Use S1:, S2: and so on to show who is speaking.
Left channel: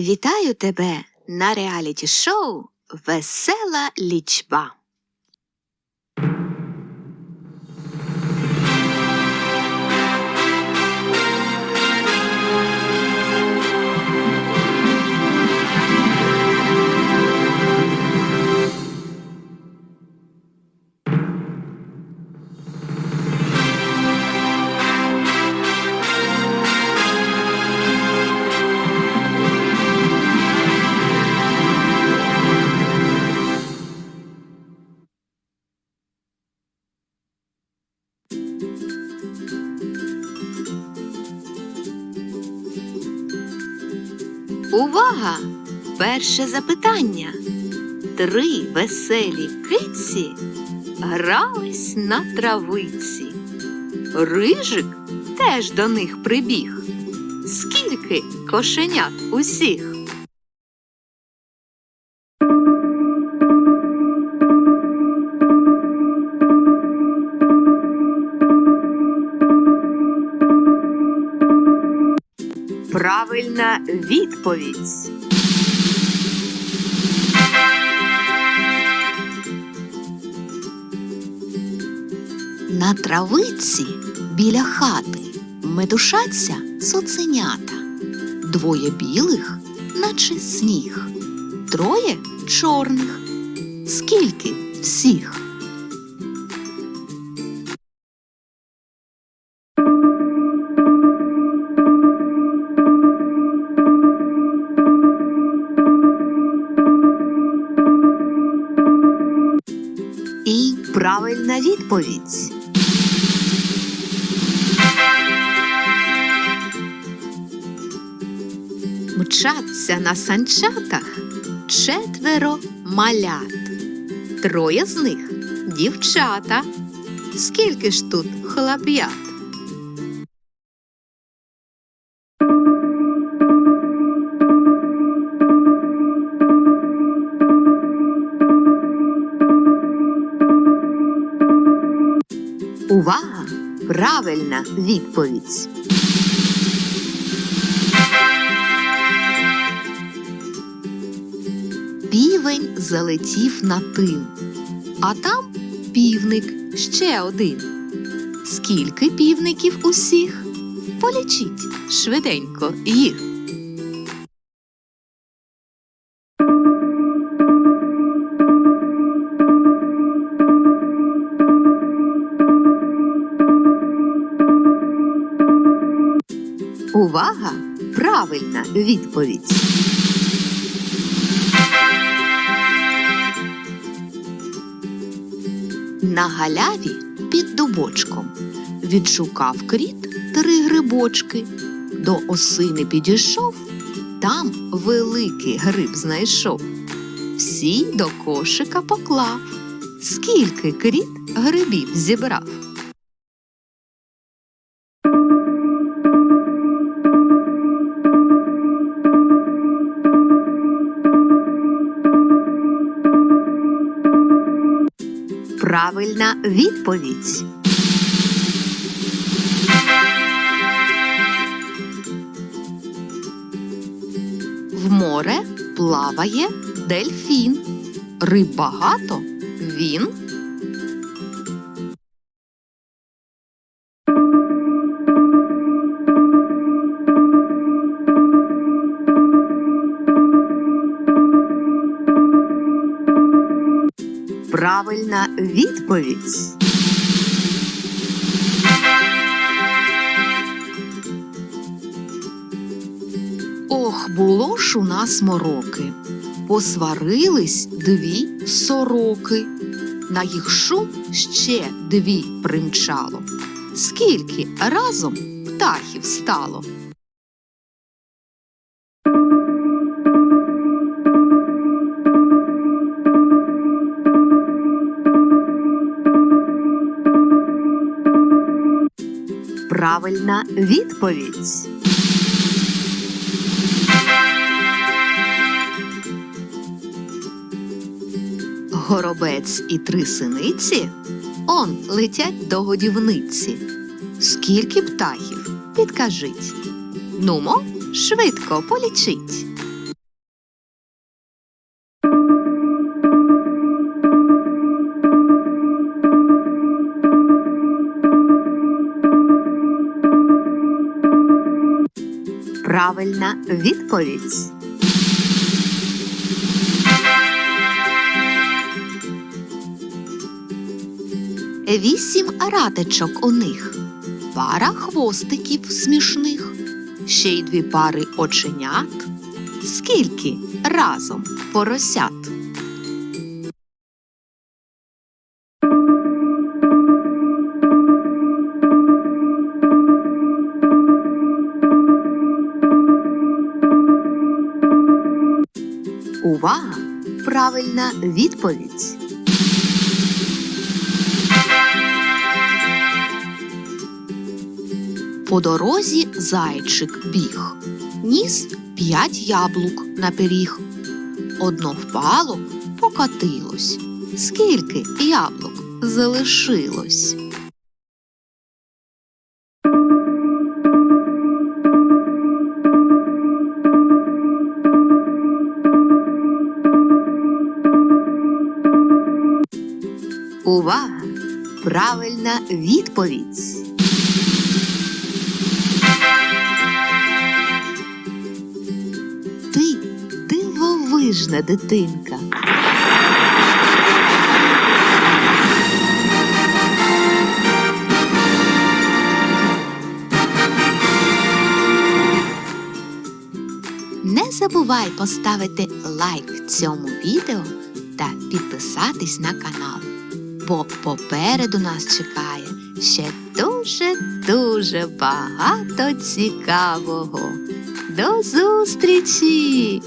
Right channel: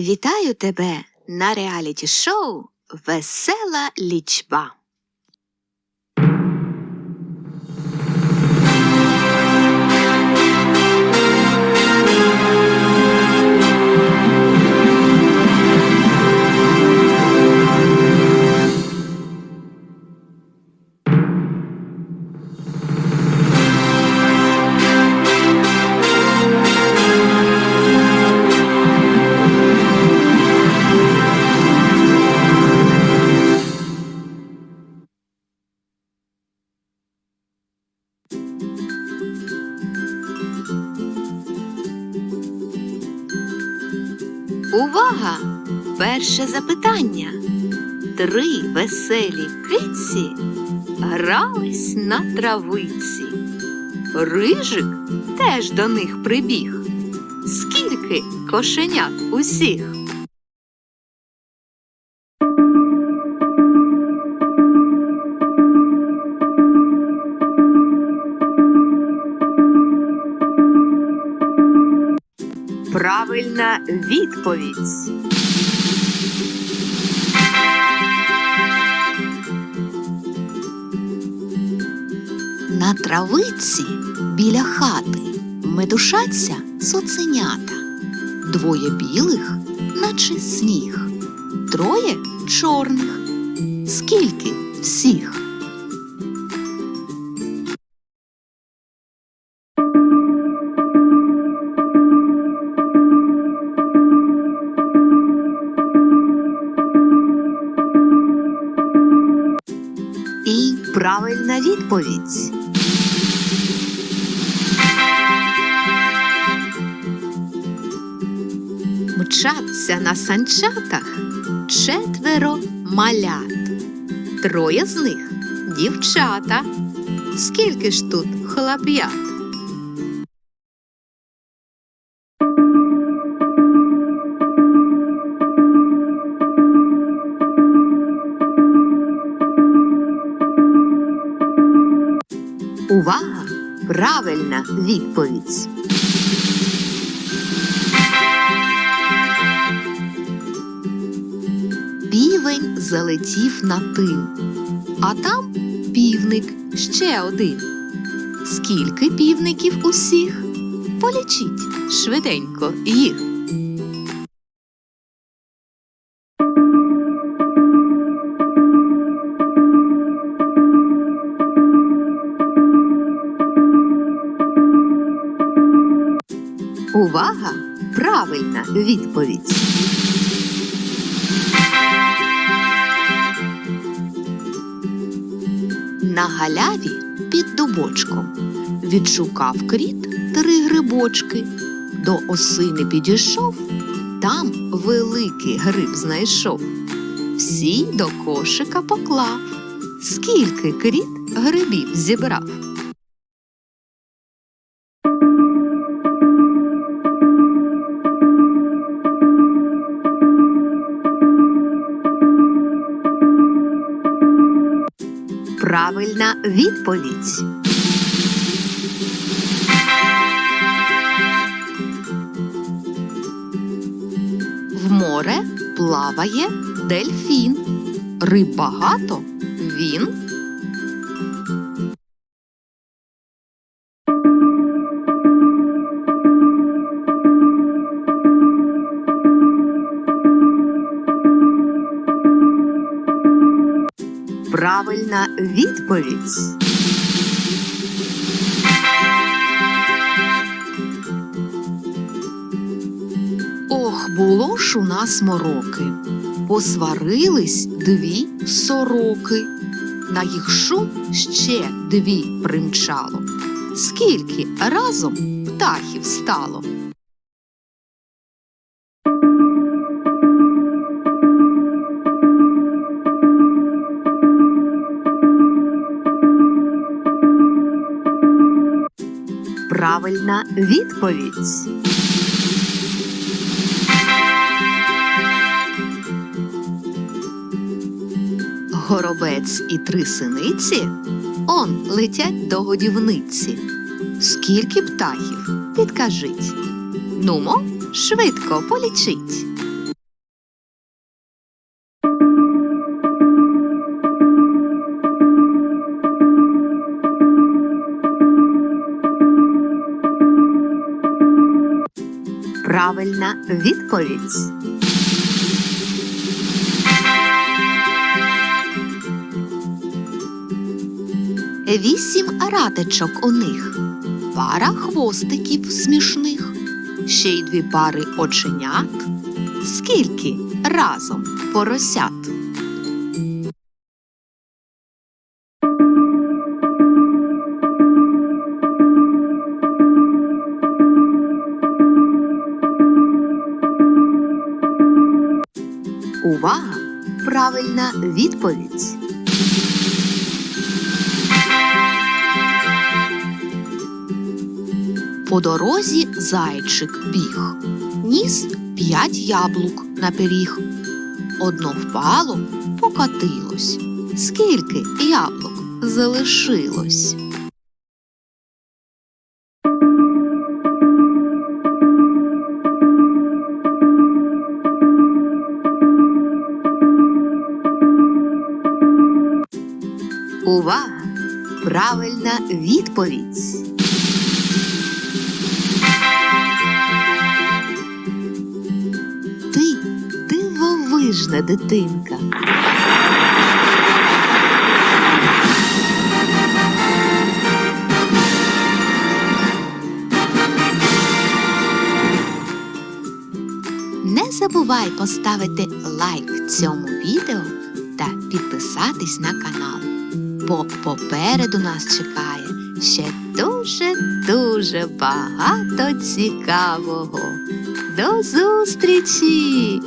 S1: Вітаю тебе на реаліті шоу Весела лічба. Увага! Перше запитання. Три веселі киці грались на травиці. Рижик теж до них прибіг. Скільки кошенят усіх? Правильна відповідь. На травиці біля хати медушаться цуценята. Двоє білих, наче сніг, троє чорних. Скільки всіх? Правильна відповідь. Мчаться на санчатах четверо малят. Троє з них дівчата. Скільки ж тут хлоп'ят? Увага! Правильна відповідь. Півень залетів на тин, а там півник ще один. Скільки півників усіх? Полічіть швиденько їх. Увага! Правильна відповідь. На галяві під дубочком відшукав кріт три грибочки. До осини підійшов, там великий гриб знайшов. Всі до кошика поклав. Скільки кріт грибів зібрав? Правильна відповідь. В море плаває дельфін. Риб багато він. Правильна відповідь. Ох, було ж у нас мороки. Посварились дві сороки. На їх шум ще дві примчало. Скільки разом птахів стало? Правильна відповідь. Горобець і три синиці он летять до годівниці. Скільки птахів? Підкажіть. Нумо, швидко полічіть. Правильна відповідь. Вісім ратичок у них, пара хвостиків смішних, ще й дві пари оченят. Скільки разом поросят? Увага! Правильна відповідь. По дорозі зайчик біг, ніс п'ять яблук на пиріг. Одно впало, покатилось. Скільки яблук залишилось? Увага! Правильна відповідь. Ти дивовижна дитинка. Не забувай поставити лайк цьому відео та підписатись на канал, бо попереду нас чекає ще дуже-дуже багато цікавого. До зустрічі!